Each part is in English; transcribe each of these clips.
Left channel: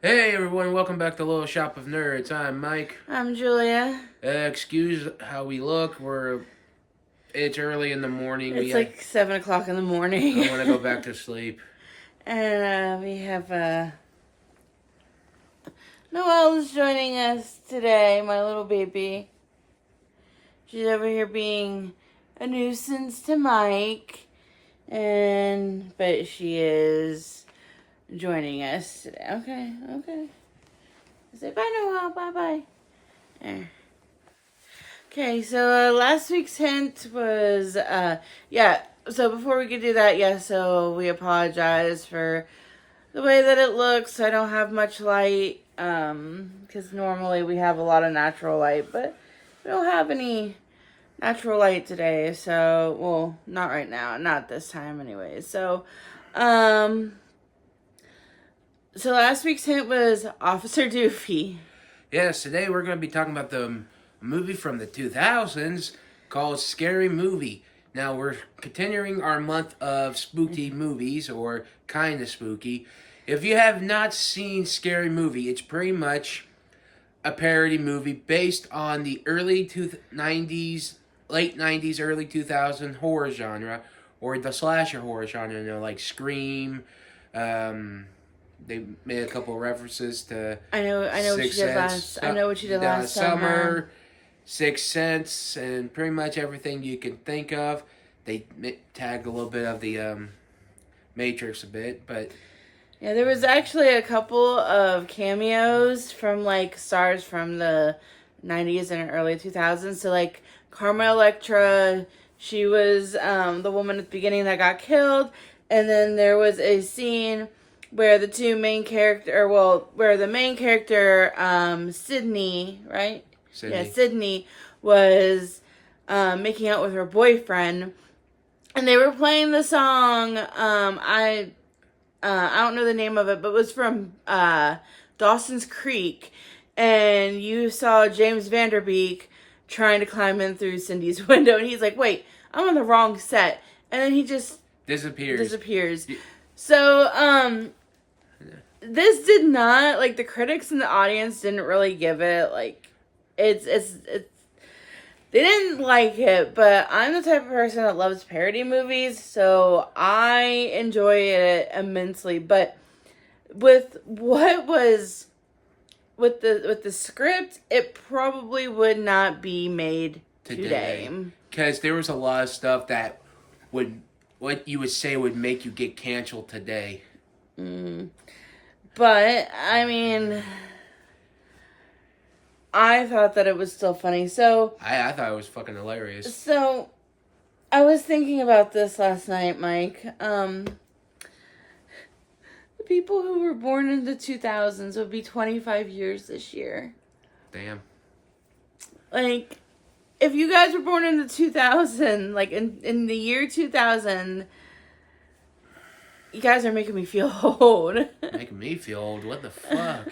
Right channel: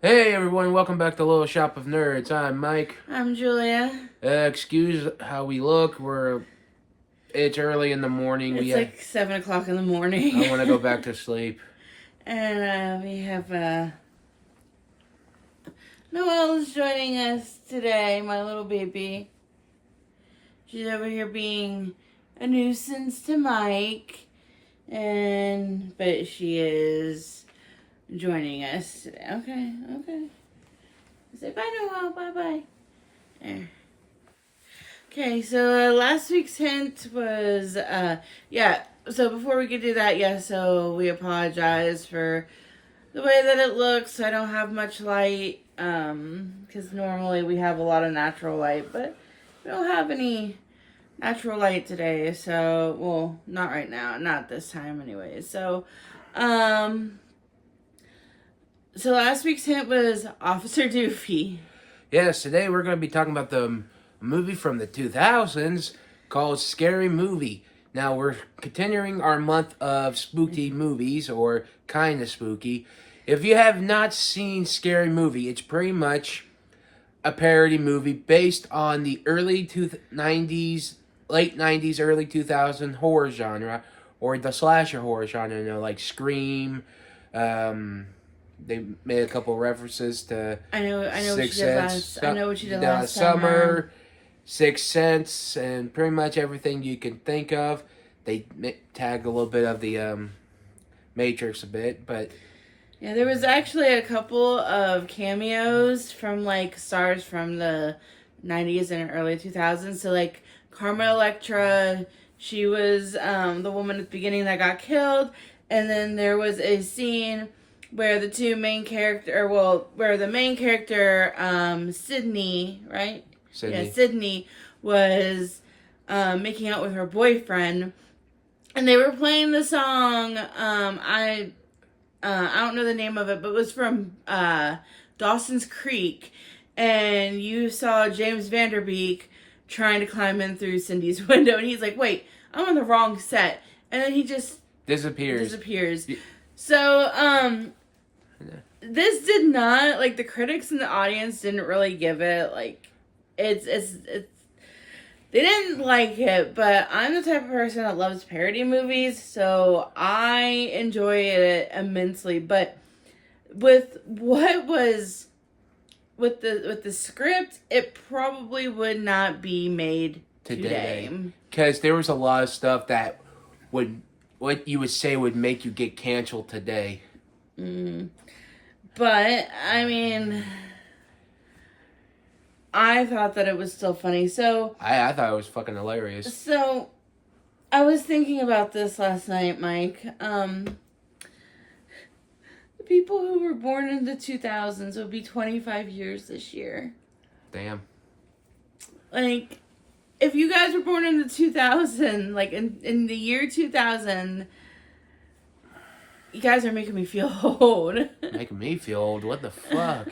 Hey everyone, welcome back to Little Shop of Nerds. I'm Mike. I'm Julia. Excuse how we look. It's early in the morning. It's like 7 o'clock in the I morning. want to go back to sleep. And we have Noelle's joining us today, my little baby. She's over here being a nuisance to Mike. But she is joining us today. Okay. Say bye, Noelle. Bye. There. Okay, so last week's hint was, so before we could do that, so we apologize for the way that it looks. I don't have much light, because normally we have a lot of natural light, but we don't have any natural light today, so, well, not right now, not this time anyway. So last week's hint was Officer Doofy. Yes, today we're going to be talking about the movie from the 2000s called Scary Movie. Now, we're continuing our month of spooky movies, or kind of spooky. If you have not seen Scary Movie, it's pretty much a parody movie based on the late 90s, early 2000s horror genre, or the slasher horror genre, like Scream. They made a couple references to I know what Sixth she did Sense. last. I know what she did last summer. Sixth Sense, and pretty much everything you can think of. They tagged a little bit of the Matrix a bit, but Yeah, there was actually a couple of cameos from like stars from the 90s and early 2000s. So like Carmen Electra, she was the woman at the beginning that got killed, and then there was a scene where the main character Sydney, right? Sydney. Yeah, Sydney was making out with her boyfriend, and they were playing the song. I don't know the name of it, but it was from Dawson's Creek, and you saw James Vanderbeek trying to climb in through Cindy's window, and he's like, "Wait, I'm on the wrong set," and then he just disappears. So, this did not, like, the critics and the audience didn't really give it, like, it's they didn't like it, but I'm the type of person that loves parody movies, so I enjoy it immensely. But with what was with the script, it probably would not be made today. Because there was a lot of stuff that what you would say would make you get canceled today. But I mean, I thought that it was still funny. So I thought it was fucking hilarious. So I was thinking about this last night, Mike. The people who were born in the 2000s will be 25 years this year. Damn. Like, if you guys were born in the 2000, like in the year 2000, you guys are making me feel old. Making me feel old. What the fuck?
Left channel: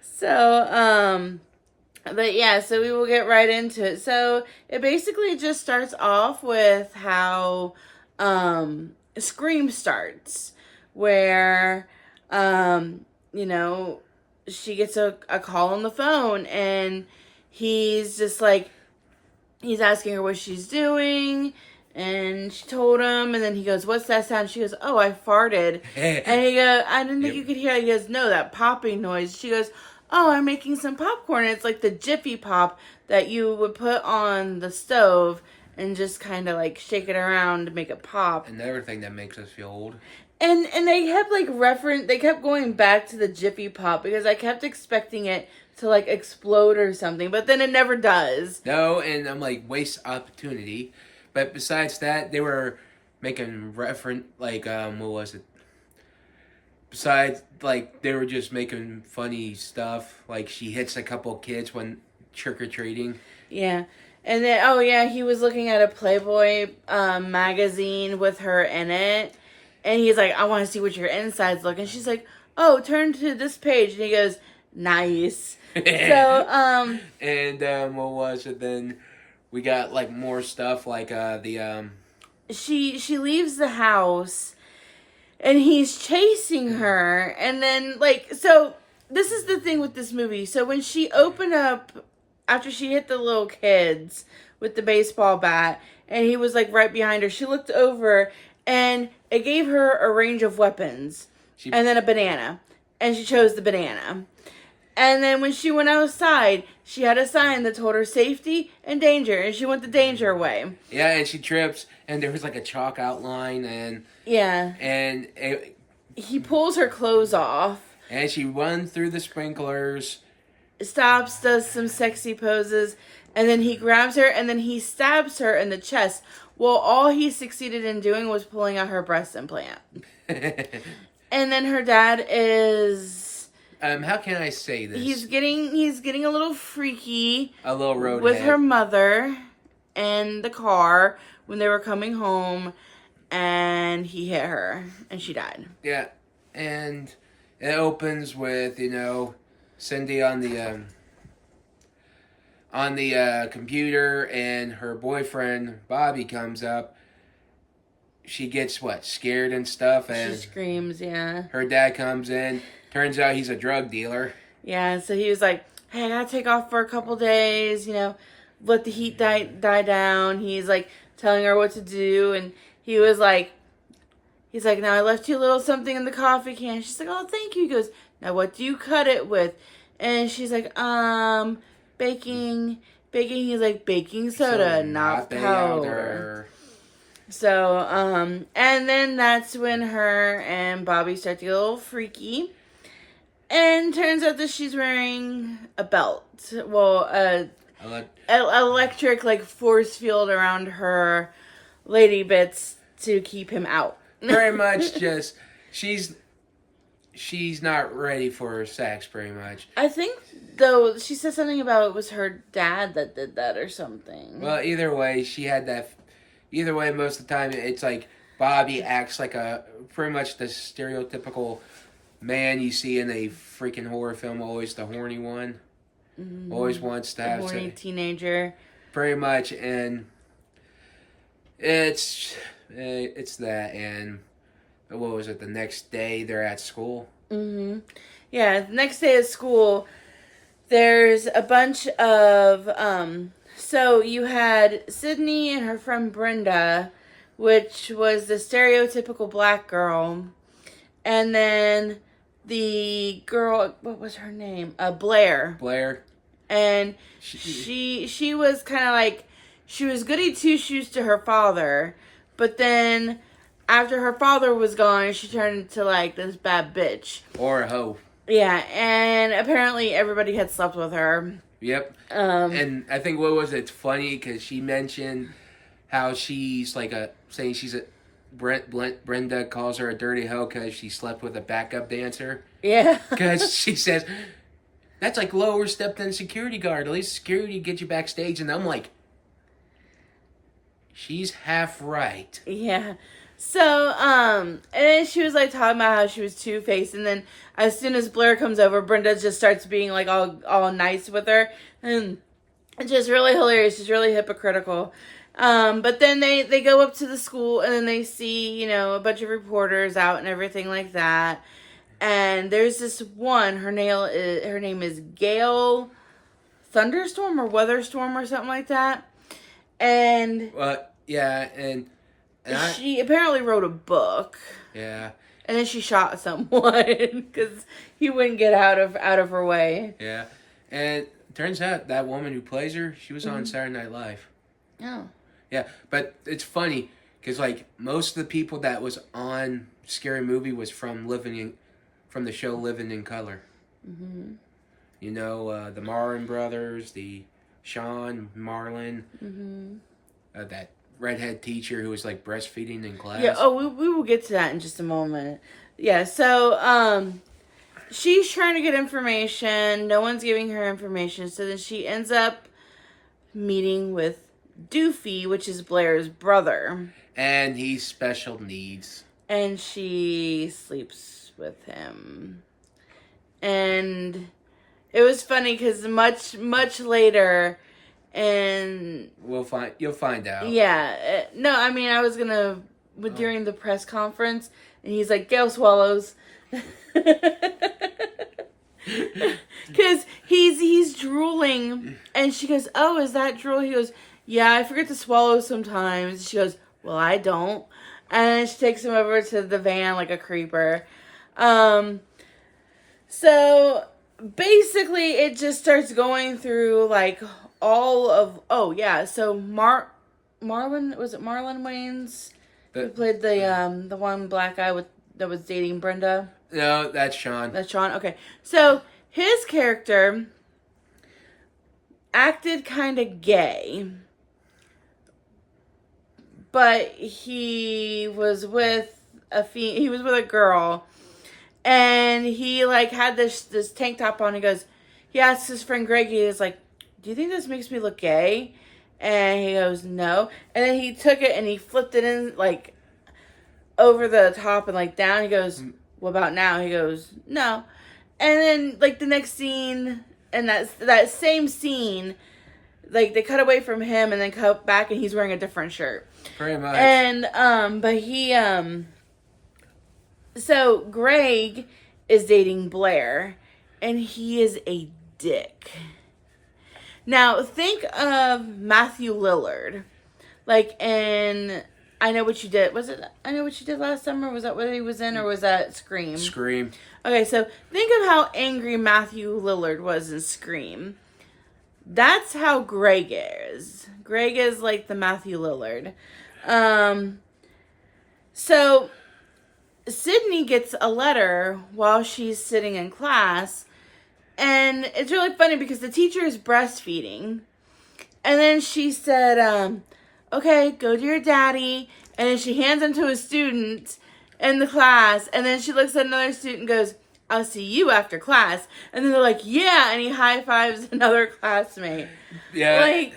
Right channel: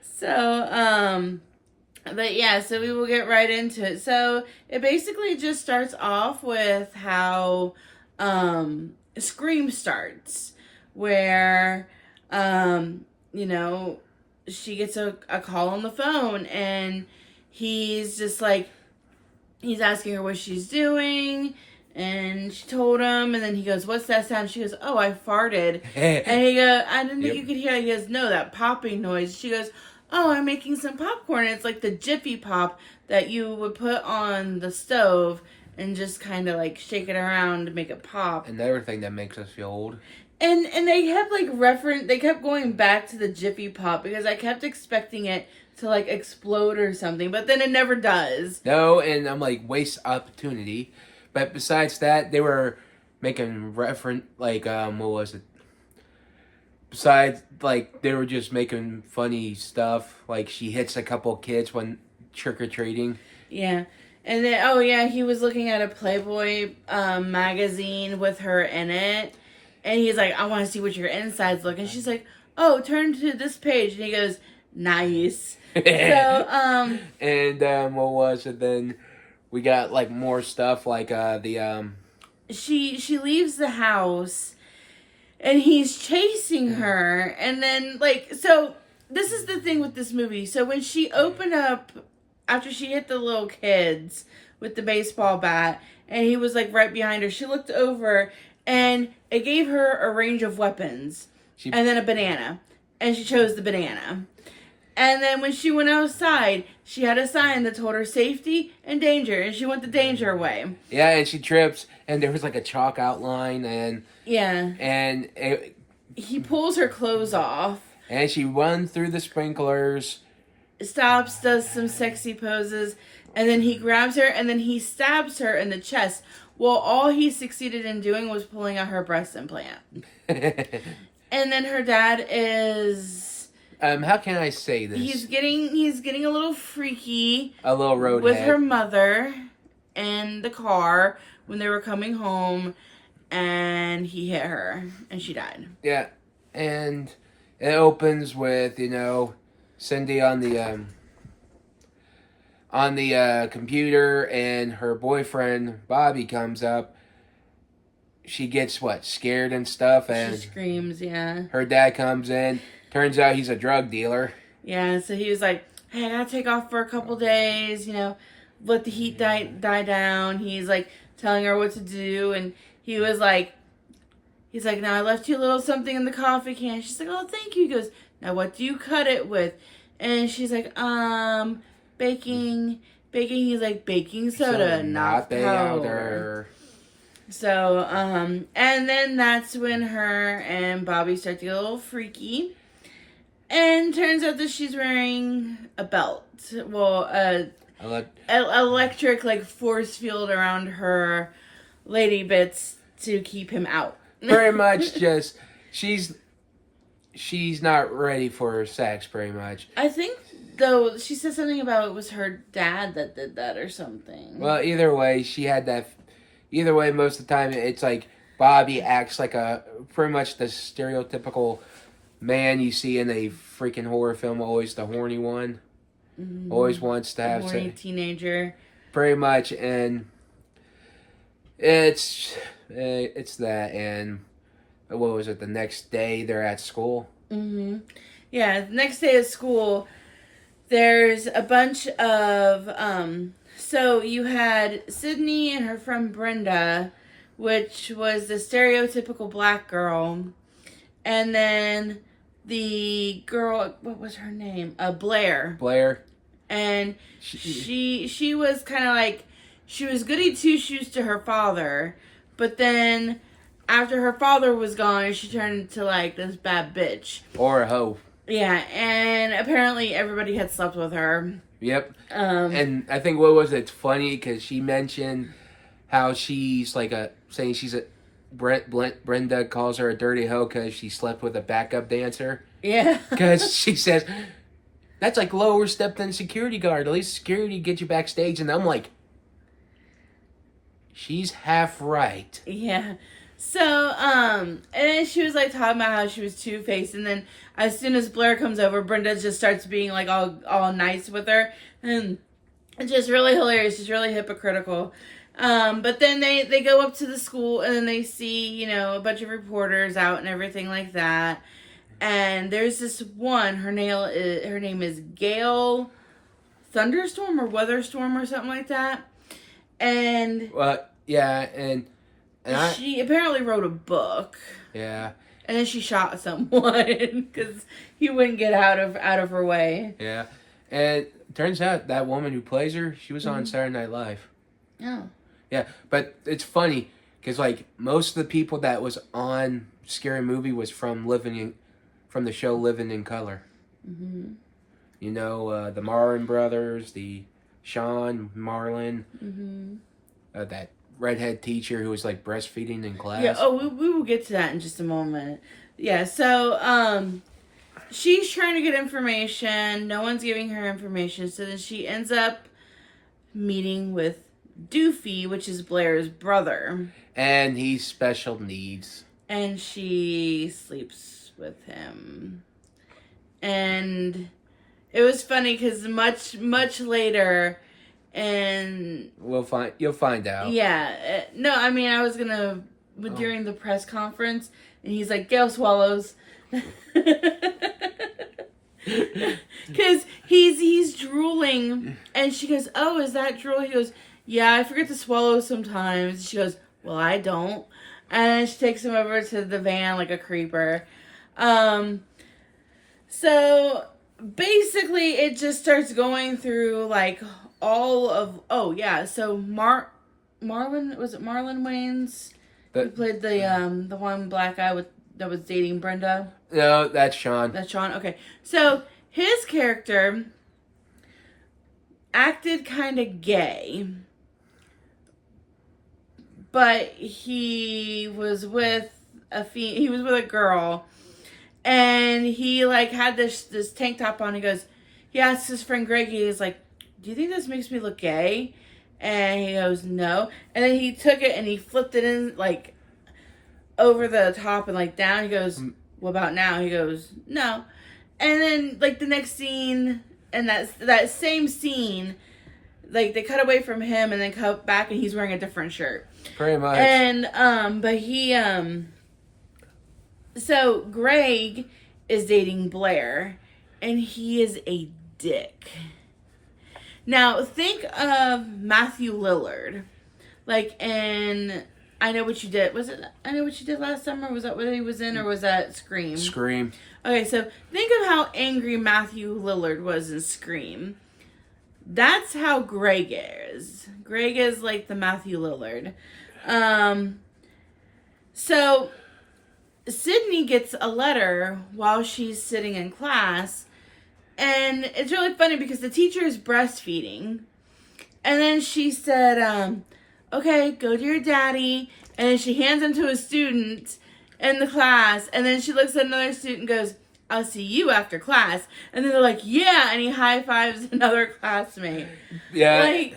So, but yeah, so we will get right into it. So it basically just starts off with how Scream starts, where she gets a call on the phone, and he's just like, he's asking her what she's doing, and she told him, and then he goes, "What's that sound?" She goes, "Oh, I farted." And he goes, "I didn't think you could hear it." He goes, "No, that popping noise." She goes, "Oh, I'm making some popcorn." And it's like the Jiffy Pop that you would put on the stove and just kind of like shake it around to make it pop. Another thing that makes us feel old. And they kept they kept going back to the Jiffy Pop because I kept expecting it to like explode or something, but then it never does. No, and I'm like, waste opportunity. But besides that, they were making what was it? Besides, like, they were just making funny stuff. Like, she hits a couple kids when trick-or-treating. Yeah. And then, he was looking at a Playboy magazine with her in it. And he's like, "I want to see what your insides look." And she's like, "Oh, turn to this page." And he goes, "Nice." So, And, what was it then? We got, like, more stuff, like, She leaves the house, and he's chasing her, and then, like, so this is the thing with this movie. So when she opened up, after she hit the little kids with the baseball bat, and he was like right behind her, she looked over and it gave her a range of weapons and then a banana. And she chose the banana. And then when she went outside, she had a sign that told her safety and danger, and she went the danger way. Yeah, and she trips, and there was like a chalk outline, and he pulls her clothes off, and she runs through the sprinklers, stops, does some sexy poses, and then he grabs her, and then he stabs her in the chest. Well, all he succeeded in doing was pulling out her breast implant. And then her dad is... how can I say this? He's getting a little freaky. A little roadhead. With her mother in the car when they were coming home, and he hit her, and she died. Yeah, and it opens with, Cindy on the computer, and her boyfriend, Bobby, comes up. She gets, scared and stuff, and... She screams, yeah. Her dad comes in. Turns out he's a drug dealer. Yeah, so he was like, hey, I gotta take off for a couple days, let the heat die down. He's like telling her what to do, and he's like, now I left you a little something in the coffee can. She's like, oh, thank you. He goes, now what do you cut it with? And she's like, baking. He's like, baking soda, not powder. So, and then that's when her and Bobby start to get a little freaky. And turns out that she's wearing a belt. Well, electric, force field around her lady bits to keep him out. Pretty much just, she's not ready for sex, pretty much. I think, though, she said something about it was her dad that did that or something. Well, either way, most of the time, it's like Bobby acts like pretty much the stereotypical man you see in a freaking horror film, always the horny one. Mm-hmm. Always wants to have horny teenager. Pretty much, and it's that, and what was it, the next day they're at school? Mm-hmm. Yeah, the next day at school, there's a bunch of, so you had Sydney and her friend Brenda, which was the stereotypical black girl, and then the girl, what was her name? Blair. And she was kind of like, she was goody two-shoes to her father, but then after her father was gone, she turned into this bad bitch. Or a hoe. Yeah, and apparently everybody had slept with her. Yep. And I think, what was it? It's funny because she mentioned how she's saying she's a... Brenda calls her a dirty hoe because she slept with a backup dancer. Yeah. Because she says, that's lower step than security guard. At least security gets you backstage. And I'm like, she's half right. Yeah. So, and then she was talking about how she was two-faced. And then as soon as Blair comes over, Brenda just starts being all nice with her. And it's just really hilarious. She's really hypocritical. But then they go up to the school and then they see, a bunch of reporters out and everything like that. And there's this one, her name is Gail Thunderstorm or Weatherstorm or something like that. And yeah, and she apparently wrote a book. Yeah. And then she shot someone because he wouldn't get out of her way. Yeah. And it turns out that woman who plays her, she was on Saturday Night Live. Oh. Yeah, but it's funny because most of the people that was on Scary Movie was from the show Living in Color. Mm-hmm. The Marlon brothers, the Sean Marlon, that redhead teacher who was breastfeeding in class. Yeah. Oh, we will get to that in just a moment. Yeah. So she's trying to get information. No one's giving her information. So then she ends up meeting with Doofy, which is Blair's brother. And he's special needs. And she sleeps with him. And it was funny because much later, and you'll find out. Yeah. No, I mean, I was gonna during the press conference, and he's like, Gail swallows. Because he's drooling, and she goes, "Oh, is that drool?" He goes, "Yeah, I forget to swallow sometimes." She goes, "Well, I don't." And then she takes him over to the van like a creeper. So basically, it just starts going through like all of. Oh yeah, so Marlon, was it Marlon Wayans? Who played the one black guy that was dating Brenda? No, that's Sean. That's Sean. Okay, so his character acted kind of gay, but he was with a girl, and he like had this tank top on. He goes, he asked his friend Greggy, he's like, "Do you think this makes me look gay?" And he goes, "No." And then he took it and he flipped it in like over the top and like down. He goes, "What about now?" He goes, "No." And then like the next scene, and that same scene, like they cut away from him and then cut back and he's wearing a different shirt. Pretty much. And but he so Greg is dating Blair, and he is a dick. Now think of Matthew Lillard, like in I Know What You Did. Was it I Know What You Did Last Summer? Was that what he was in, or was that Scream? Scream. Okay, so think of how angry Matthew Lillard was in Scream. That's how Greg is. Greg is like the Matthew Lillard. So Sydney gets a letter while she's sitting in class, and it's really funny because the teacher is breastfeeding, and then she said, "Okay, go to your daddy," and then she hands him to a student in the class, and then she looks at another student and goes, "I'll see you after class." And then they're like, "Yeah," and he high fives another classmate. Yeah. Like,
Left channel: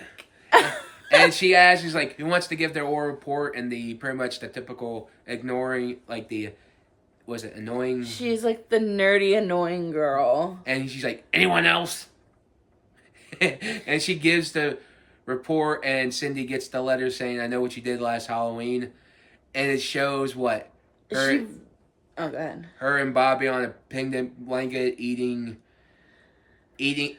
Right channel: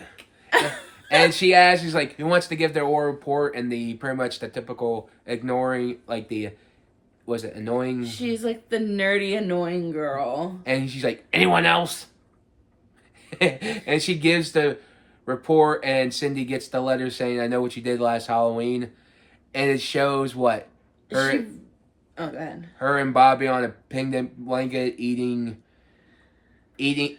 and she asks, she's like, who wants to give their oral report? And pretty much the typical ignoring, like was it annoying? she's like the nerdy, annoying girl. And she's like, anyone else? And she gives the report, and Cindy gets the letter saying, I know what you did last Halloween. And it shows what? Oh, go ahead. Her and Bobby on a picnic blanket eating,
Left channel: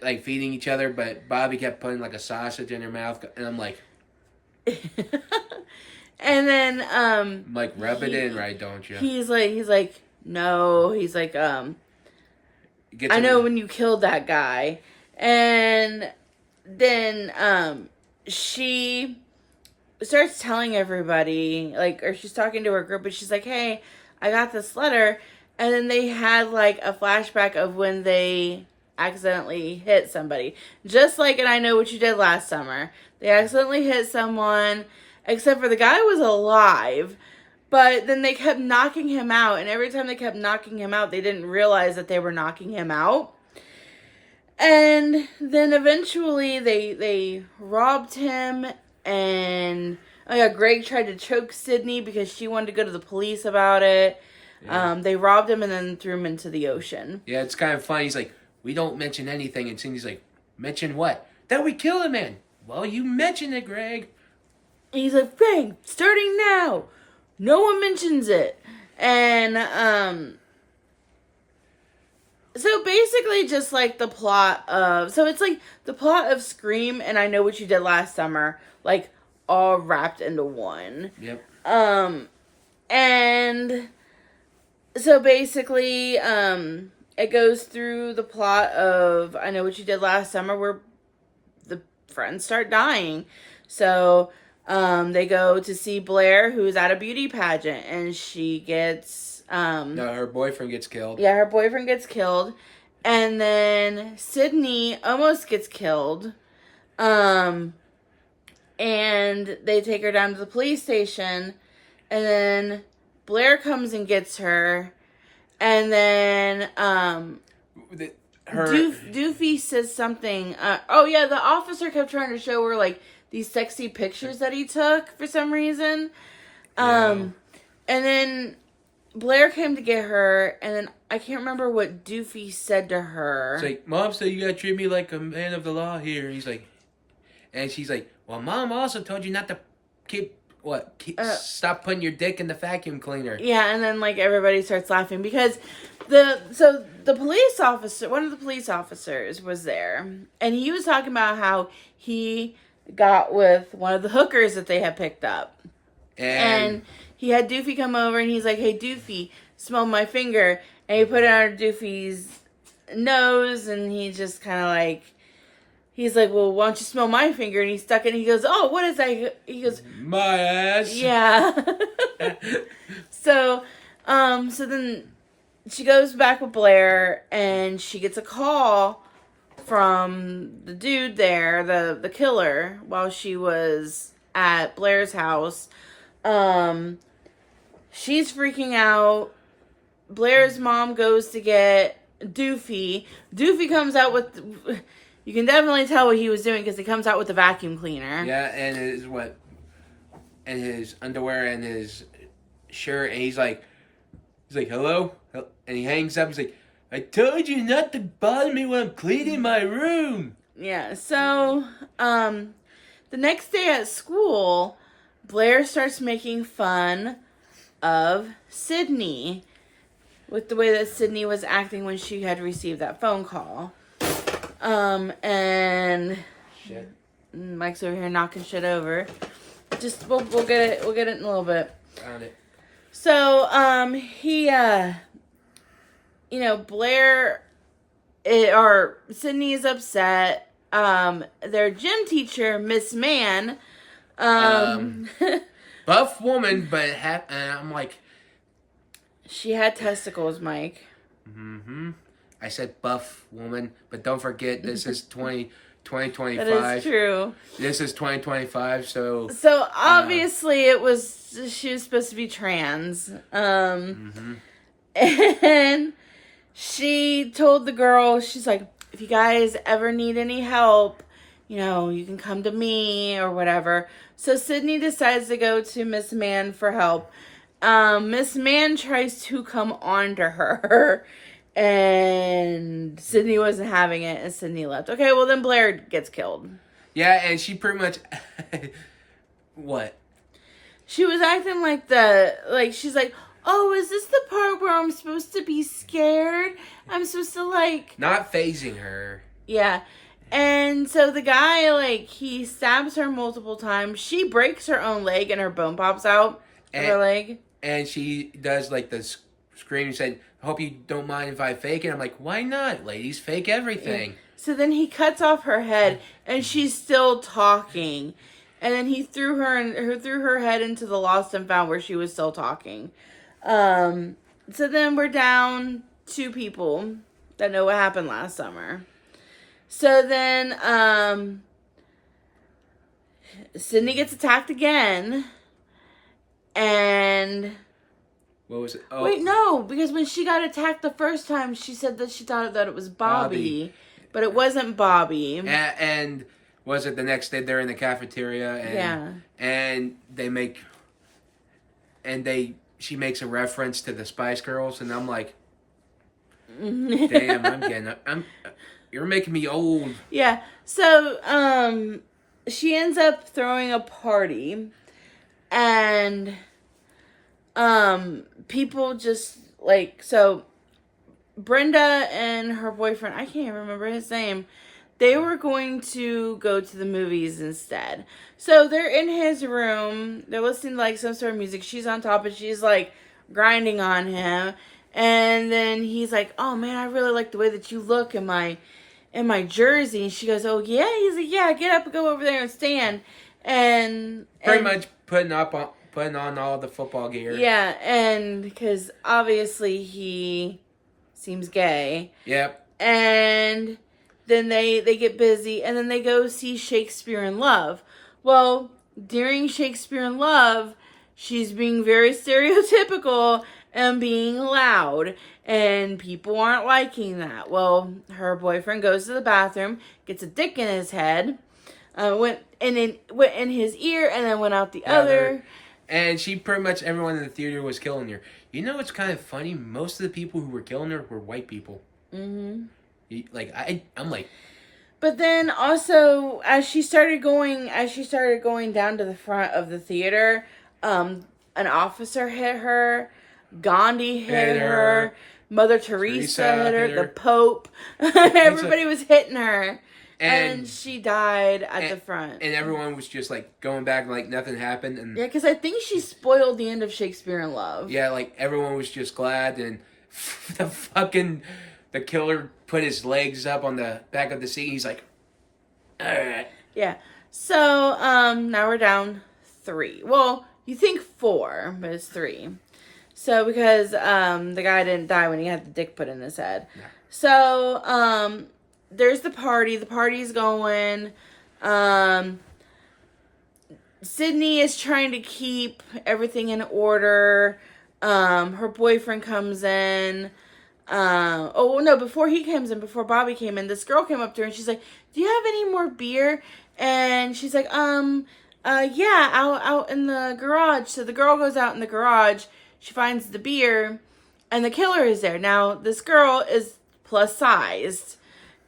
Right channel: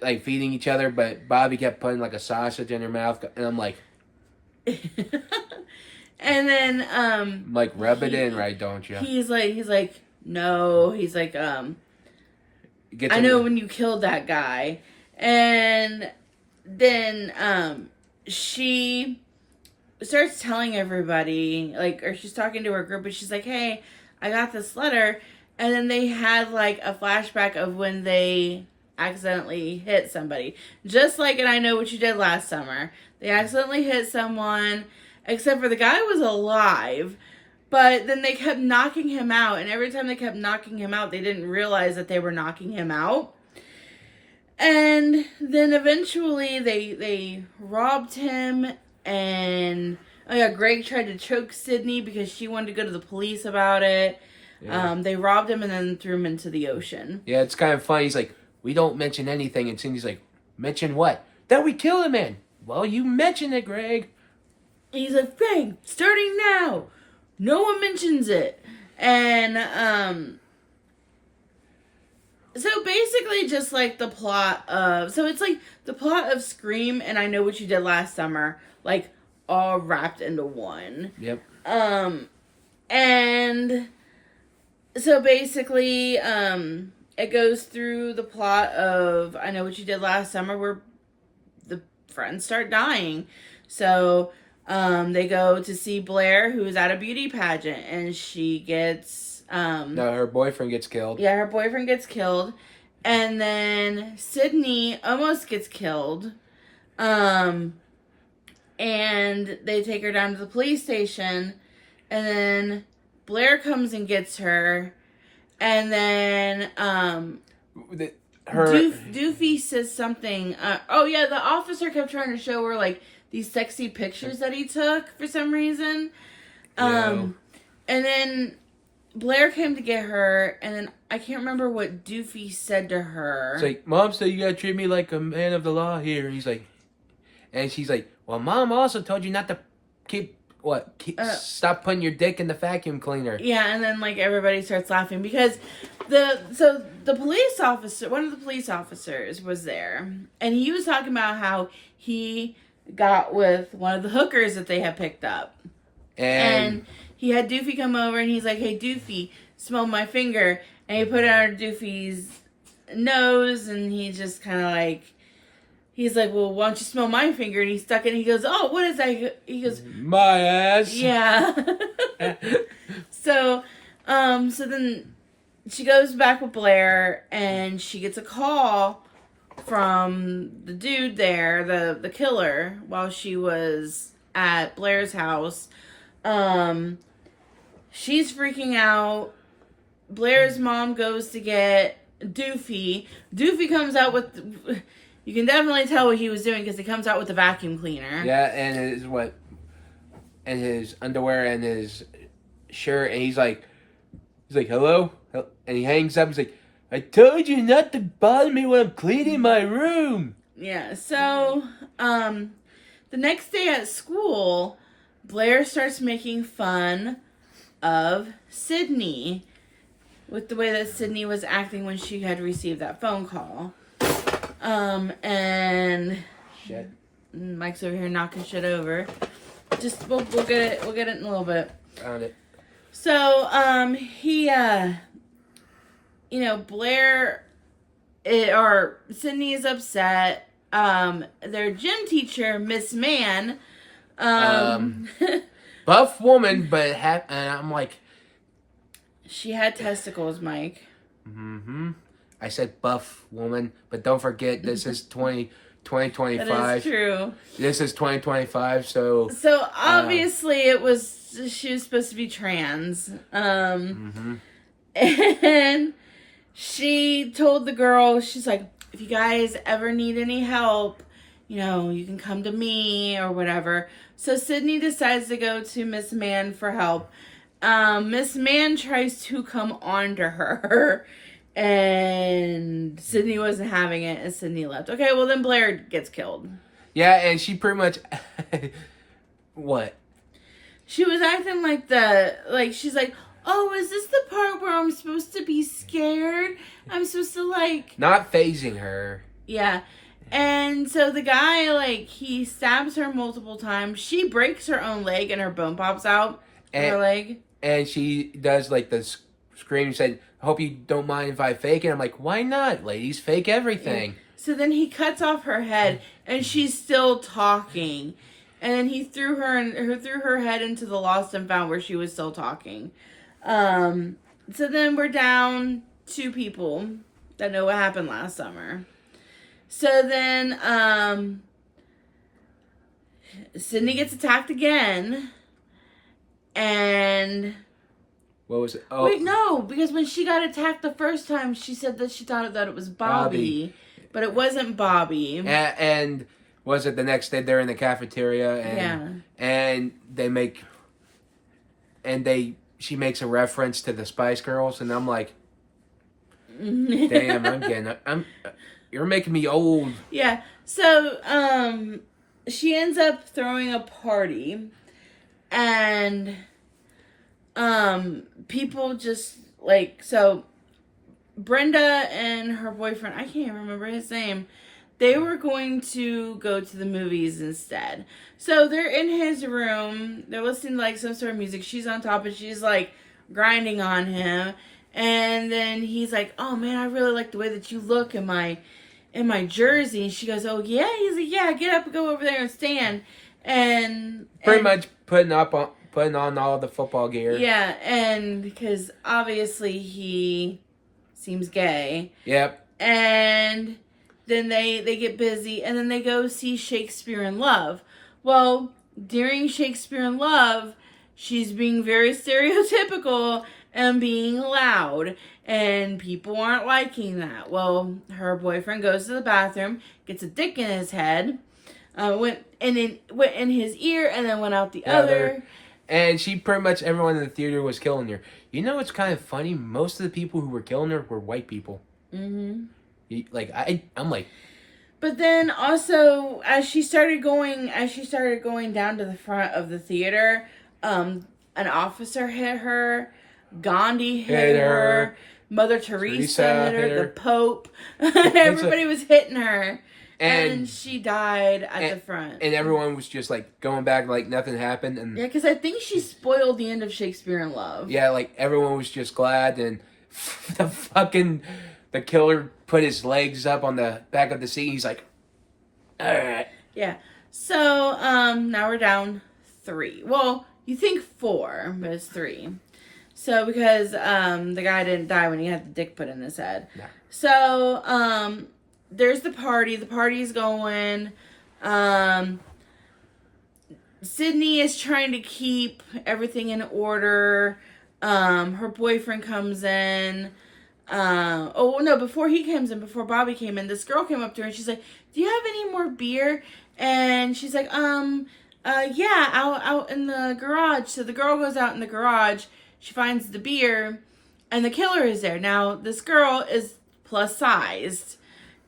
like feeding each other, but Bobby kept putting like a sausage in her mouth, and I'm like, and then like rub it in, right? Don't you? He's like no. He's like I Gets know when you killed that guy, and then she starts telling everybody, like, or she's talking to her group, and she's like, "Hey, I got this letter," and then they had like a flashback of when they accidentally hit somebody, just like in I Know What You Did Last Summer. They accidentally hit someone, except for the guy was alive, but then they kept knocking him out, and every time they kept knocking him out, they didn't realize that they were knocking him out. And then eventually they robbed him, and oh yeah, Greg tried to choke Sydney because she wanted to go to the police about it. Yeah. They robbed him and then threw him into the ocean. Yeah, it's kind of funny. He's like, we don't mention anything. And Cindy's like, mention what? That we killed a man. Well, you mentioned it, Greg. And he's like, Greg, starting now. No one mentions it. And, so basically just like the plot of, so it's like the plot of Scream and I Know What You Did Last Summer, like all wrapped into one. Yep. And so basically, it goes through the plot of I Know What You Did Last Summer, where the friends start dying. So they go to see Blair, who's at a beauty pageant, and she gets no, her boyfriend gets killed. Yeah, her boyfriend gets killed, and then Sydney almost gets killed. And they take her down to the police station, and then Blair comes and gets her. And then, Doofy says something. Oh yeah, the officer kept trying to show her like these sexy pictures that he took for some reason. Yeah. And then Blair came to get her, and then I can't remember what Doofy said to her. It's like, Mom said you gotta treat me like a man of the law here. And he's like, and she's like, well, Mom also told you not to keep what? Stop putting your dick in the vacuum cleaner. Yeah, and then like everybody starts laughing because the police officer, one of the police officers was there, and he was talking about how he got with one of the hookers that they had picked up. And he had Doofy come over and he's like, "Hey Doofy, smell my finger." And he put it on Doofy's nose and he just kind of like, he's like, "Well, why don't you smell my finger?" And he stuck it and he goes, "Oh, what is that?" He goes, "My ass." Yeah. So then she goes back with Blair and she gets a call from the dude there, the killer, while she was at Blair's house. She's freaking out. Blair's mom goes to get Doofy. Doofy comes out with, you can definitely tell what he was doing because he comes out with the vacuum cleaner. Yeah, and his underwear and his shirt, and he's like, "Hello?" And he hangs up. He's like, "I told you not to bother me when I'm cleaning my room." Yeah, so, the next day at school, Blair starts making fun of Sydney with the way that Sydney was acting when she had received that phone call. And shit. Mike's over here knocking shit over. Just we'll get it in a little bit. Found it. So, Blair or Sydney is upset. Their gym teacher, Miss Mann, buff woman, but and I'm like, she had testicles, Mike. Mm-hmm. I said buff woman, but don't forget this is 2025. That is true. This is 2025, so obviously she was supposed to be trans. Mm-hmm. And she told the girl, she's like, "If you guys ever need any help, you can come to me or whatever." So Sydney decides to go to Miss Mann for help. Miss Mann tries to come on to her, and Sydney wasn't having it, and Sydney left. Okay, well then Blair gets killed. Yeah, and she pretty much what? She was acting she's like, "Oh, is this the part where I'm supposed to be scared? I'm supposed to Not phasing her." Yeah. And so the guy, he stabs her multiple times. She breaks her own leg and her bone pops out of her leg. And she does the scream, said, "I hope you don't mind if I fake it." I'm like, why not? Ladies fake everything. Yeah. So then he cuts off her head and she's still talking. And then he threw her head into the lost and found where she was still talking. So then we're down 2 people that know what happened last summer. So then, Sydney gets attacked again, and... What was it? Oh. Wait, no, because when she got attacked the first time, she said that she thought that it was Bobby. But it wasn't Bobby. And was it the next day they're in the cafeteria, and she makes a reference to the Spice Girls, and I'm like, damn, you're making me old. Yeah. So, she ends up throwing a party, and, people just, so, Brenda and her boyfriend, I can't even remember his name, they were going to go to the movies instead. So, they're in his room, they're listening to, some sort of music, she's on top, and she's, grinding on him, and then he's like, "Oh, man, I really like the way that you look in my jersey." And she goes, "Oh, yeah?" He's like, "Yeah, get up and go over there and stand." And pretty much putting on all the football gear. Yeah, and because obviously he seems gay. Yep. And then they get busy, and then they go see Shakespeare in Love. Well, during Shakespeare in Love, she's being very stereotypical and being loud, and people aren't liking that. Well, her boyfriend goes to the bathroom, gets a dick in his head, went in his ear, and then went out the other. And she pretty much, everyone in the theater was killing her. You know what's kind of funny? Most of the people who were killing her were white people. Mm-hmm. I'm like... But then also, as she started going down to the front of the theater, an officer hit her, Gandhi hit Hit her, her. Mother Teresa hit her, hit her. the Pope. Everybody was hitting her. And And she died at the front. And everyone was just like going back like nothing happened. And Yeah, because I think she spoiled the end of Shakespeare in Love. yeah, like everyone was just glad. And the killer put his legs up on the back of the seat. He's like, all right. Yeah. So, now we're down 3. Well, you think 4, but it's 3. So, because, the guy didn't die when he had the dick put in his head. No. So, there's the party. The party's going. Sydney is trying to keep everything in order. Her boyfriend comes in. Before Bobby came in, this girl came up to her and she's like, do you have any more beer? And she's like, yeah, out in the garage. So the girl goes out in the garage. She finds the beer and the killer is there. Now, this girl is plus sized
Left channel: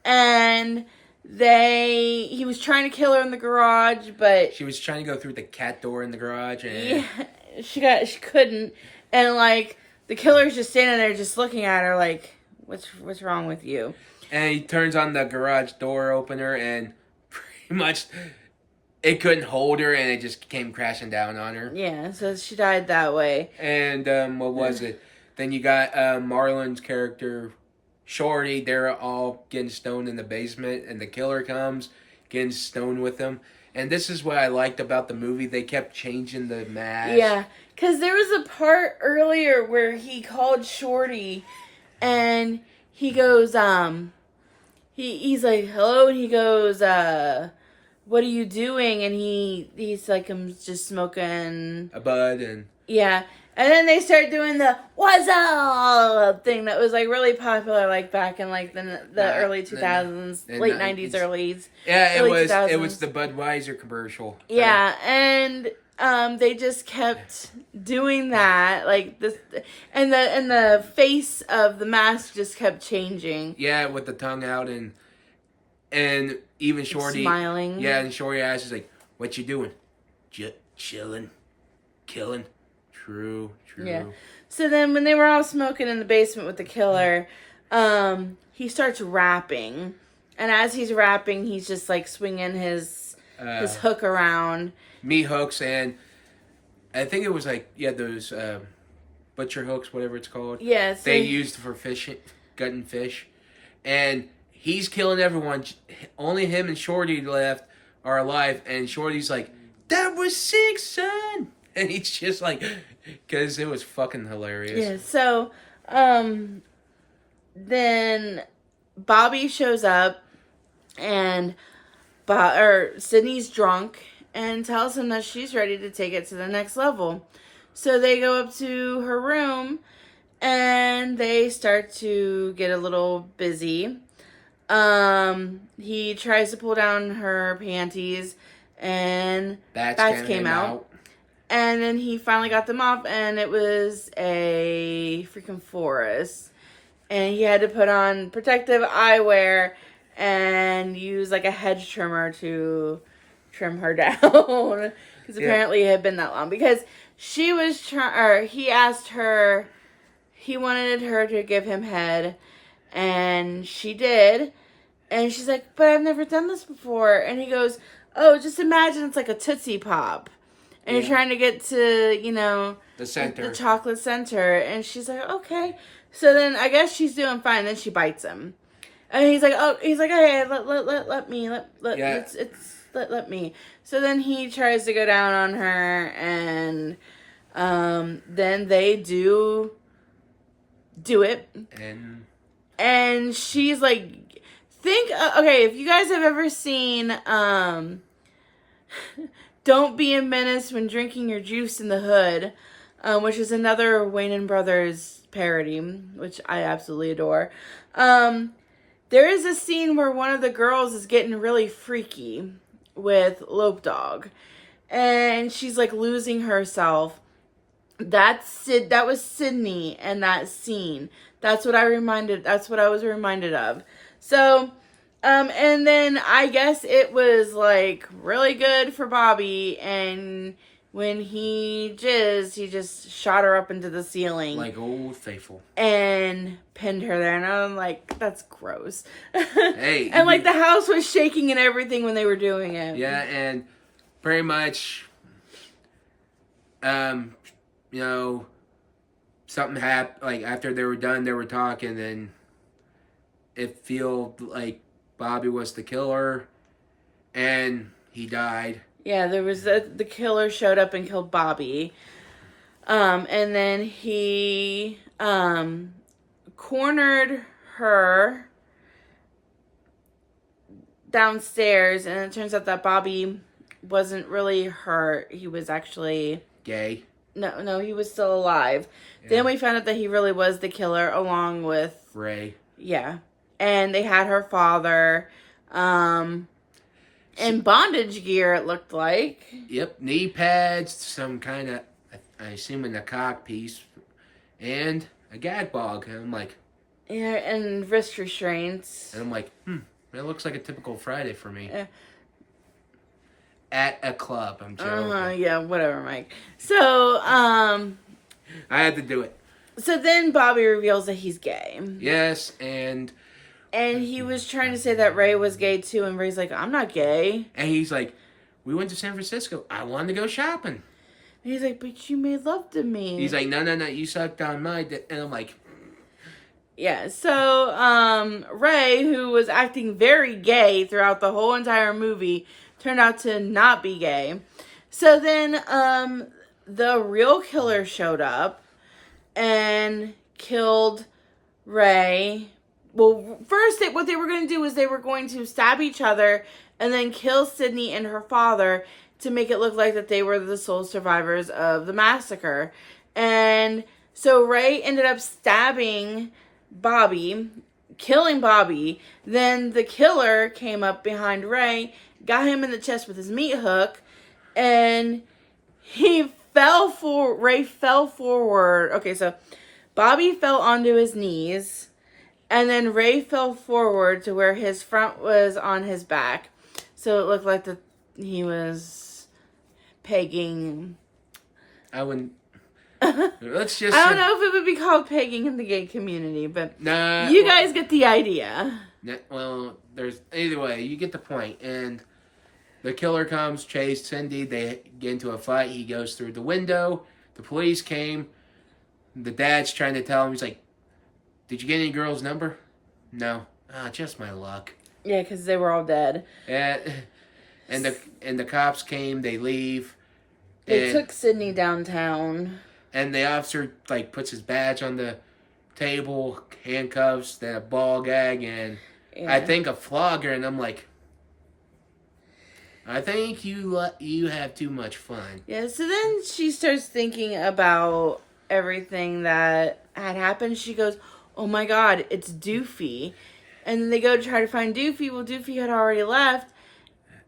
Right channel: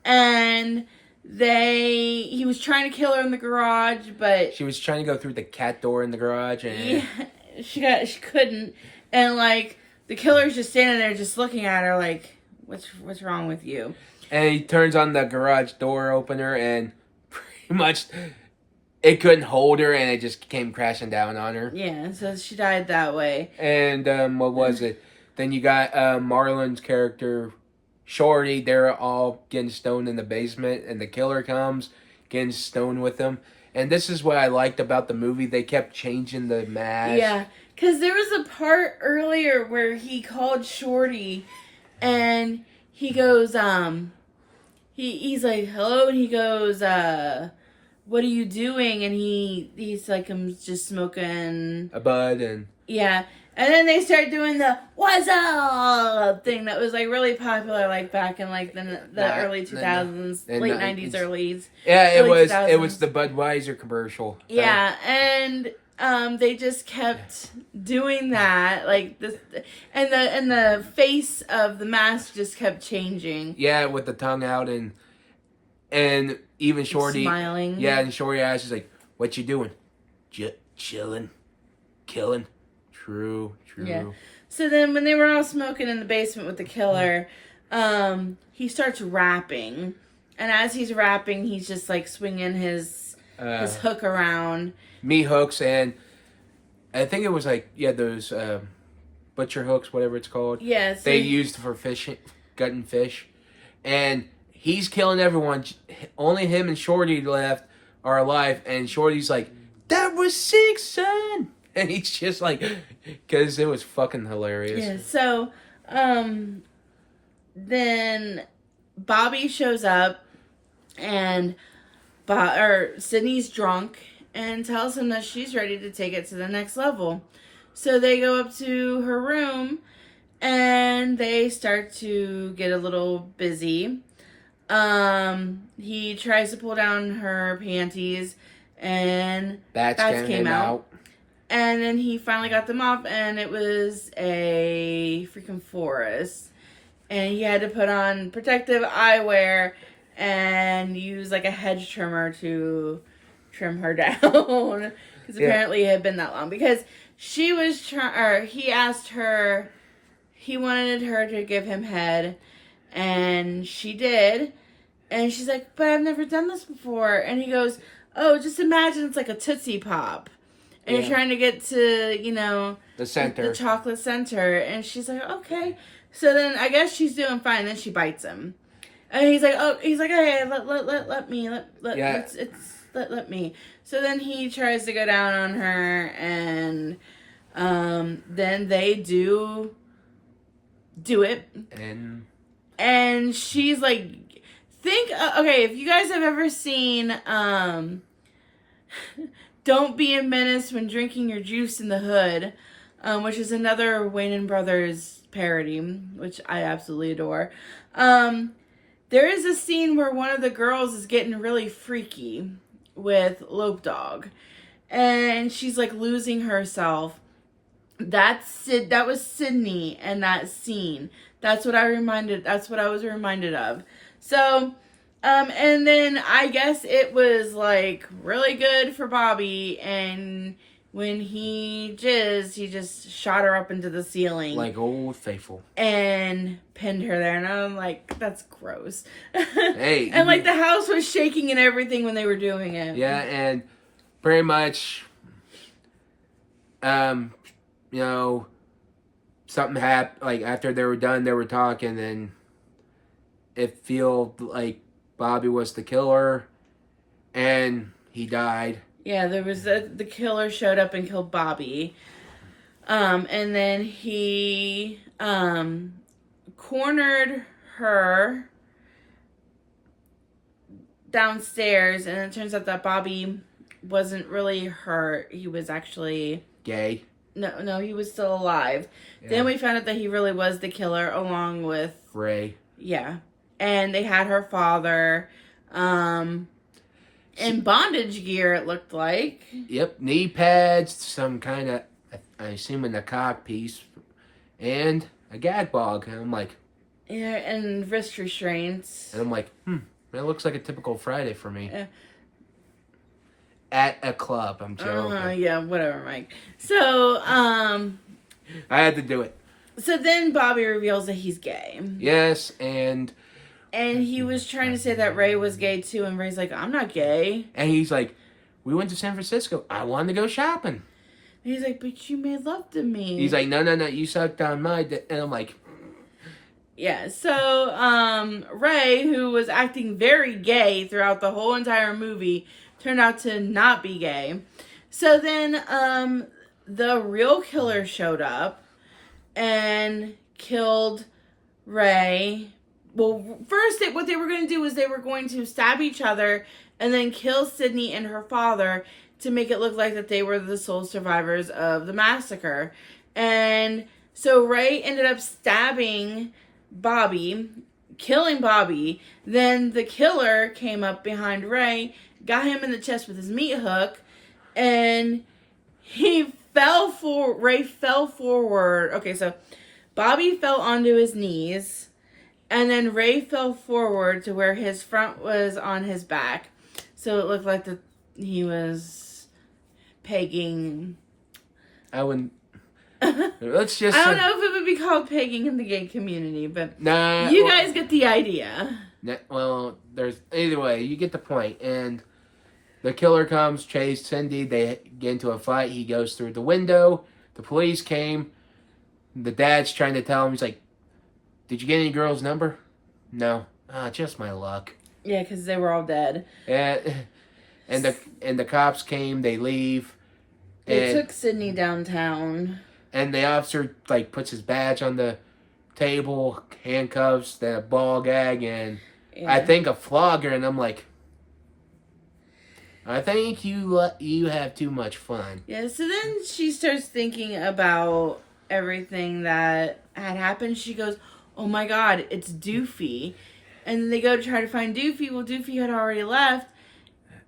and he was trying to kill her in the garage, but She was trying to go through the cat door in the garage. And yeah, she couldn't. And like, the killer's just standing there just looking at her like, what's wrong with you? And he turns on the garage door opener and pretty much it couldn't hold her and it just came crashing down on her. Yeah, so she died that way. And what was it? Then you got Marlon's character, Shorty. They're all getting stoned in the basement and the killer comes, getting stoned with them. And this is what I liked about the movie. They kept changing the mask. Yeah, because there was a part earlier where he called Shorty and he goes, he's like, hello, and he goes, what are you doing? And he's like, I'm just smoking A bud and... Yeah. And then they start doing the what's up thing that was like really popular like back in like the early 2000s, late 90s, early Yeah, it was 2000s. it was the Budweiser commercial. Yeah, and they just kept doing that like this, and the face of the mask just kept changing. Yeah, with the tongue out and even Shorty Smiling. Yeah, and Shorty asks like, "What you doing?" Chilling, killing. True. Yeah. So then when they were all smoking in the basement with the killer, he starts rapping, and as he's rapping, he's just like swinging his hook around. Meat hooks, and I think it was like those butcher hooks, whatever it's called. Yeah. So they used for fishing, gutting fish, and he's killing everyone. Only him and Shorty left are alive, and Shorty's like, "That was sick, son." And he's just like, because it was fucking hilarious. Yeah, so, then Bobby shows up, and Sydney's drunk, and tells him that she's ready to take it to the next level. So they go up to her room, and they start to get a little busy. He tries to pull down her panties, and bats came out. And then he finally got them off, and it was a freaking forest. And he had to put on protective eyewear and use like a hedge trimmer to trim her down. Because apparently it had been that long. Because he asked her, he wanted her to give him head, and she did. And she's like, but I've never done this before. And he goes, oh, just imagine it's like a Tootsie Pop. And you're trying to get to, the center. The chocolate center. And she's like, okay. So then I guess she's doing fine. Then she bites him. And he's like, hey, let me. So then he tries to go down on her. And then they do it. And she's like, if you guys have ever seen, Don't Be a Menace When Drinking Your Juice in the Hood, which is another Wayans Brothers parody, which I absolutely adore. There is a scene where one of the girls is getting really freaky with Lope Dog, and she's like losing herself. That was Sydney and that scene. That's what I was reminded of. So, and then I guess it was like really good for Bobby, and when he jizzed, he just shot her up into the ceiling. Like Old Faithful. And pinned her there. And I'm like, that's gross. Hey. And like the house was shaking and everything when they were doing it. Yeah, and pretty much, you know, something happened. Like after they were done, they were talking, and it felt like Bobby was the killer, and he died. Yeah, there was the killer showed up and killed Bobby, and then he cornered her downstairs, and it turns out that Bobby wasn't really hurt. He was actually Gay. No, he was still alive. Yeah. Then we found out that he really was the killer, along with Ray. Yeah, and they had her father, in bondage gear. It looked like. Yep, knee pads, some kind of, I assume, a cock piece, and a gag bag. And I'm like, Yeah, and wrist restraints. And I'm like, that looks like a typical Friday for me. Yeah. At a club, I'm joking. Yeah, whatever, Mike. So, I had to do it. So then Bobby reveals that he's gay. Yes, and he was trying to say that Ray was gay too, and Ray's like, I'm not gay. And he's like, we went to San Francisco. I wanted to go shopping. And he's like, but you made love to me. He's like, no, you sucked on my dick. And I'm like... Yeah, so, Ray, who was acting very gay throughout the whole entire movie, turned out to not be gay. So then, the real killer showed up and killed Ray. Well, first, what they were going to do is they were going to stab each other and then kill Sydney and her father to make it look like that they were the sole survivors of the massacre. And so Ray ended up stabbing Bobby, killing Bobby. Then the killer came up behind Ray, got him in the chest with his meat hook, and Ray fell forward. Okay, so Bobby fell onto his knees, and then Ray fell forward to where his front was on his back. So it looked like he was pegging. I wouldn't... Let's just... I don't know if it would be called pegging in the gay community, but nah, you guys get the idea. Well, there's... Either way, you get the point. And the killer comes, chased Cindy. They get into a fight. He goes through the window. The police came. The dad's trying to tell him, he's like, did you get any girl's number? No. Just my luck. Yeah, because they were all dead. And the cops came. They leave. They took Sydney downtown. And the officer, puts his badge on the table, handcuffs, then a ball gag, and I think a flogger. And I'm like, I think you have too much fun. Yeah, so then she starts thinking about everything that had happened. She goes, oh my god, it's Doofy. And then they go to try to find Doofy. Well, Doofy had already left.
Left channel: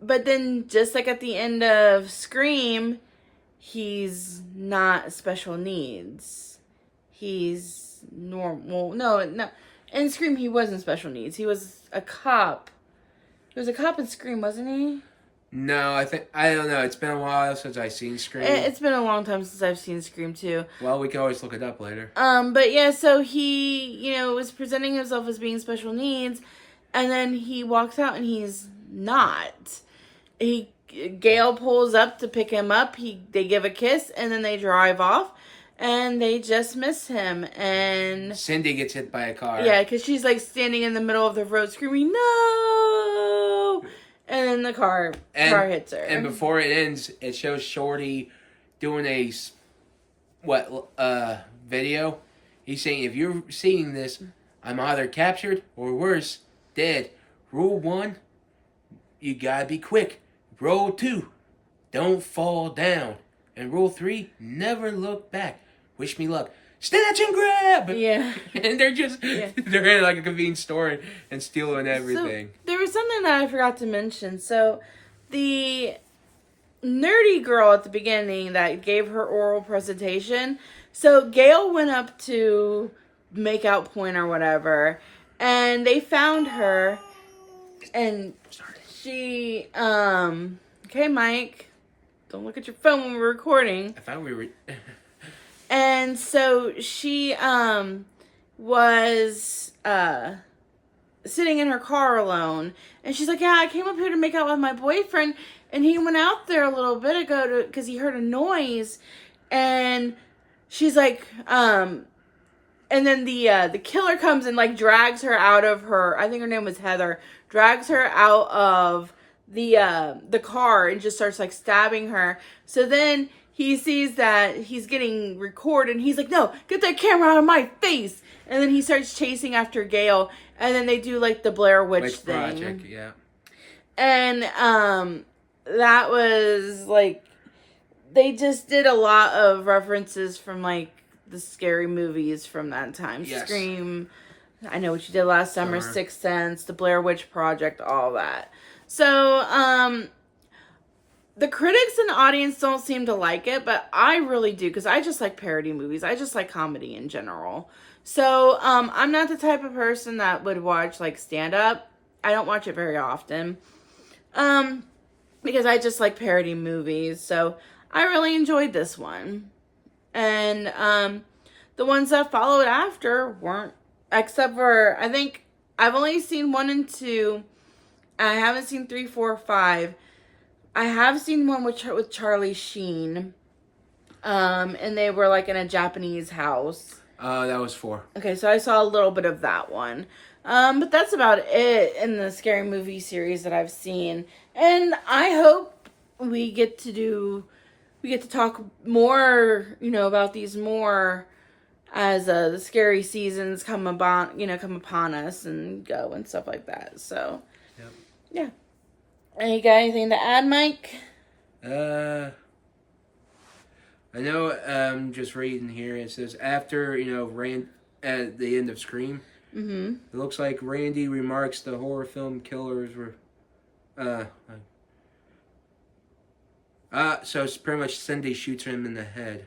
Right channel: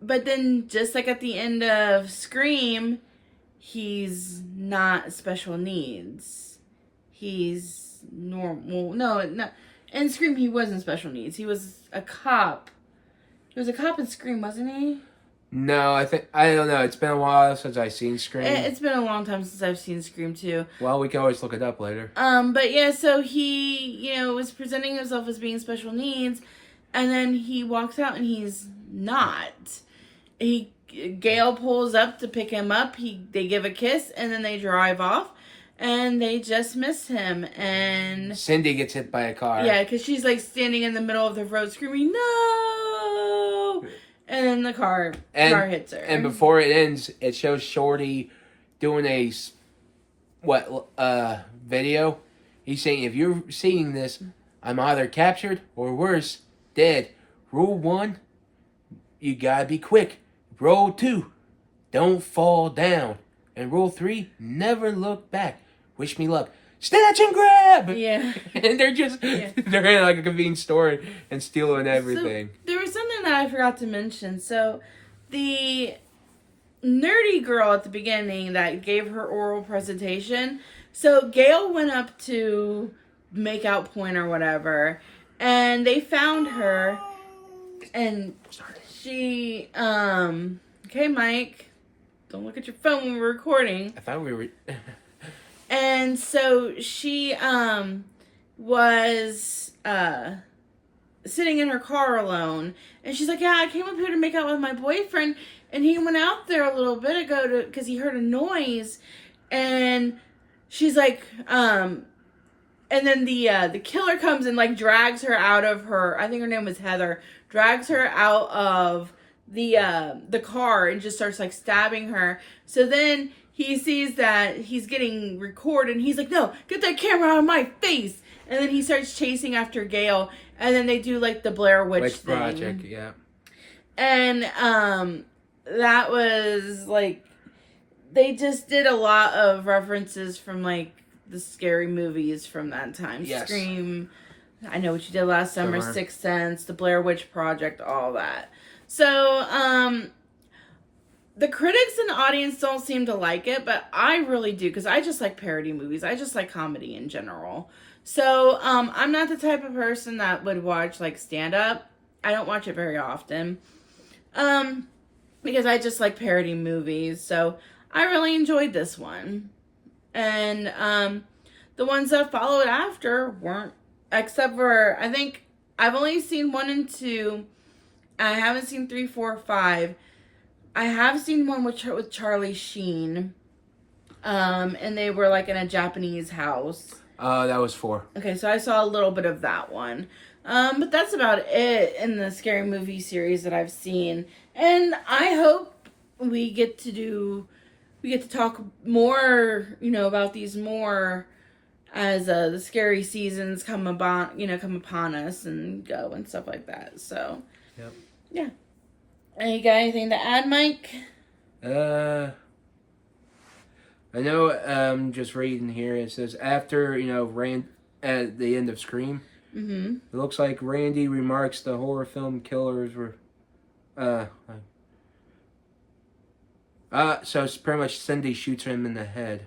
But then, just like at the end of Scream, he's not special needs. He's normal. No. In Scream, he wasn't special needs. He was a cop. He was a cop in Scream, wasn't he? No, I don't know. It's been a while since I've seen Scream. It's been a long time since I've seen Scream too. Well, we can always look it up later. But yeah, so he, was presenting himself as being special needs, and then he walks out and he's not. Gail pulls up to pick him up. They give a kiss, and then they drive off, and they just miss him. And Cindy gets hit by a car. Yeah, because she's standing in the middle of the road screaming, no! And then the car hits her. And before it ends, it shows Shorty doing a video. He's saying, if you're seeing this, I'm either captured or worse, dead. Rule 1, you gotta be quick. Rule 2, don't fall down. And rule 3, never look back. Wish me luck. Snatch and grab! Yeah. And they're in like a convenience store and stealing everything. So, there was something that I forgot to mention. So, the nerdy girl at the beginning that gave her oral presentation. So, Gail went up to make out point or whatever. And they found her. And she, okay, Mike. don't look at your phone when we're recording. I thought we were. And so she was sitting in her car alone, and she's like, yeah, I came up here to make out with my boyfriend, and he went out there a little bit ago because he heard a noise, and she's like, and then the killer comes and like drags her out of her, I think her name was Heather, drags her out of the car and just starts like stabbing her. So then he sees that he's getting recorded, and he's like, no, get that camera out of my face. And then he starts chasing after Gail, and then they do like the Blair Witch thing. Project, yeah. And that was like, they just did a lot of references from like the scary movies from that time. Yes. Scream, I Know What You Did Last Summer, Sixth Sense, the Blair Witch Project, all that. So the critics and audience don't seem to like it, but I really do, because I just like parody movies. I just like comedy in general. So I'm not the type of person that would watch like stand-up. I don't watch it very often. Because I just like parody movies. So I really enjoyed this one. And the ones that followed after weren't, except for, I think I've only seen 1 and 2. I haven't seen 3, 4, 5. I have seen one with Charlie Sheen. And they were like in a Japanese house. That was 4. Okay, so I saw a little bit of that one. But that's about it in the scary movie series that I've seen. And I hope we get to talk more, about these more as the scary seasons come upon us and go and stuff like that. So, yep. Yeah. You got anything to add, Mike? I know, just reading here, it says, after, at the end of Scream, Mm-hmm. it looks like Randy remarks the horror film killers were, so it's pretty much Cindy shoots him in the head.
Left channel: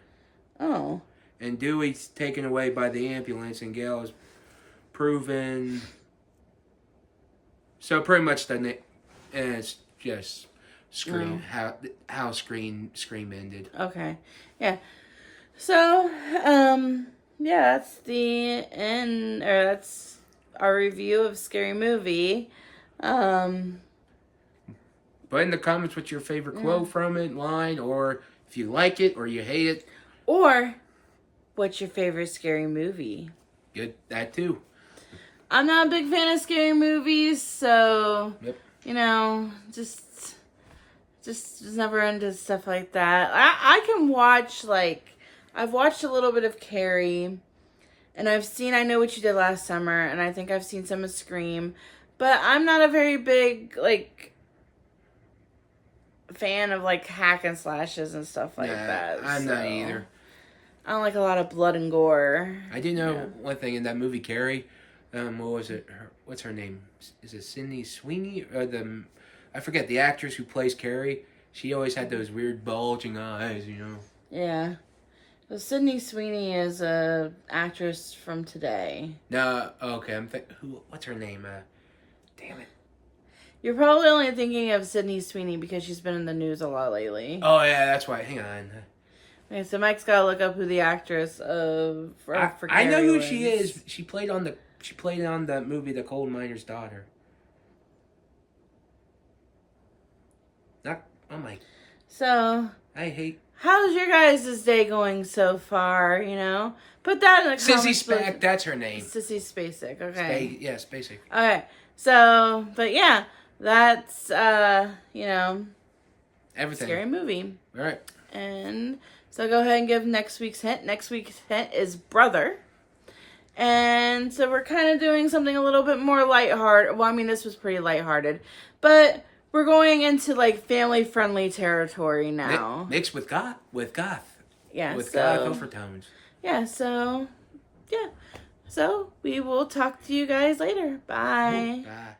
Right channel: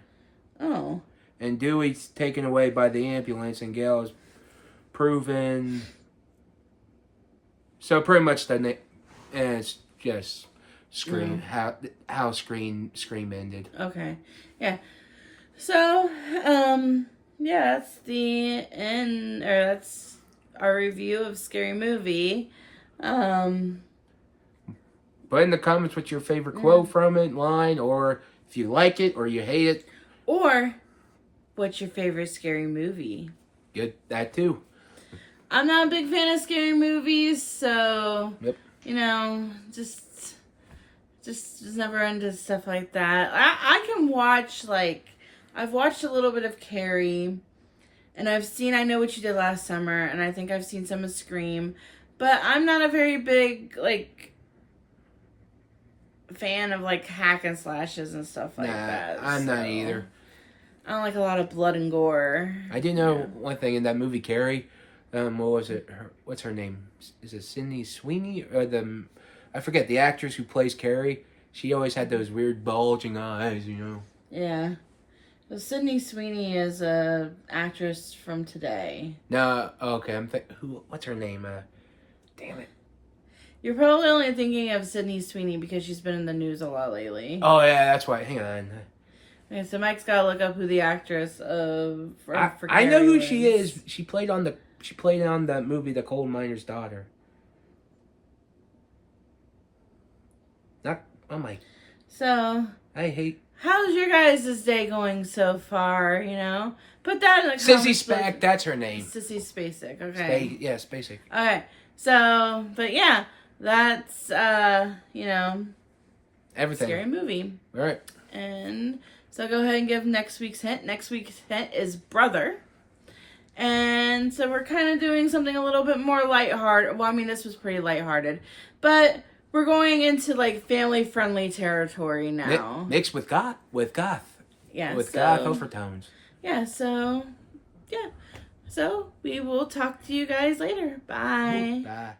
Oh. And Dewey's taken away by the ambulance, and Gail is proven. So pretty much it's just Scream, how Scream ended. Okay. Yeah. So, yeah, that's the end, or that's our review of Scary Movie. But in the comments, what's your favorite quote from it, line, or if you like it or you hate it. Or, what's your favorite scary movie? Good, that too. I'm not a big fan of scary movies, so, Yep. just never into stuff like that. I can watch, I've watched a little bit of Carrie, and I've seen I Know What You Did Last Summer, and I think I've seen some of Scream, but I'm not a very big, fan of, hack and slashes and stuff like that. I'm not either. I don't like a lot of blood and gore. I do know one thing in that movie, Carrie, what was it? What's her name? Is it Sydney Sweeney? Or I forget, the actress who plays Carrie. She always had those weird bulging eyes, Yeah. So Sydney Sweeney is a actress from today. No, okay, what's her name? Damn it. You're probably only thinking of Sydney Sweeney because she's been in the news a lot lately. Oh, yeah, that's why. Hang on. Okay, so Mike's gotta look up who the actress of... I know who she is. She played on the movie The Coal Miner's Daughter. So, how's your guys' day going so far, Put that in the comments. Sissy Spacek, that's her name. Sissy Spacek, okay. Spacek. Alright, so, but yeah, that's, Everything. Scary Movie. Alright. And so go ahead and give next week's hint. Next week's hint is Brother. And so we're kind of doing something a little bit more lighthearted. Well, I mean, this was pretty lighthearted. But we're going into, family-friendly territory now. Mixed with goth. Yeah, with goth overtones. Yeah, so, yeah. So, we will talk to you guys later. Bye. Bye.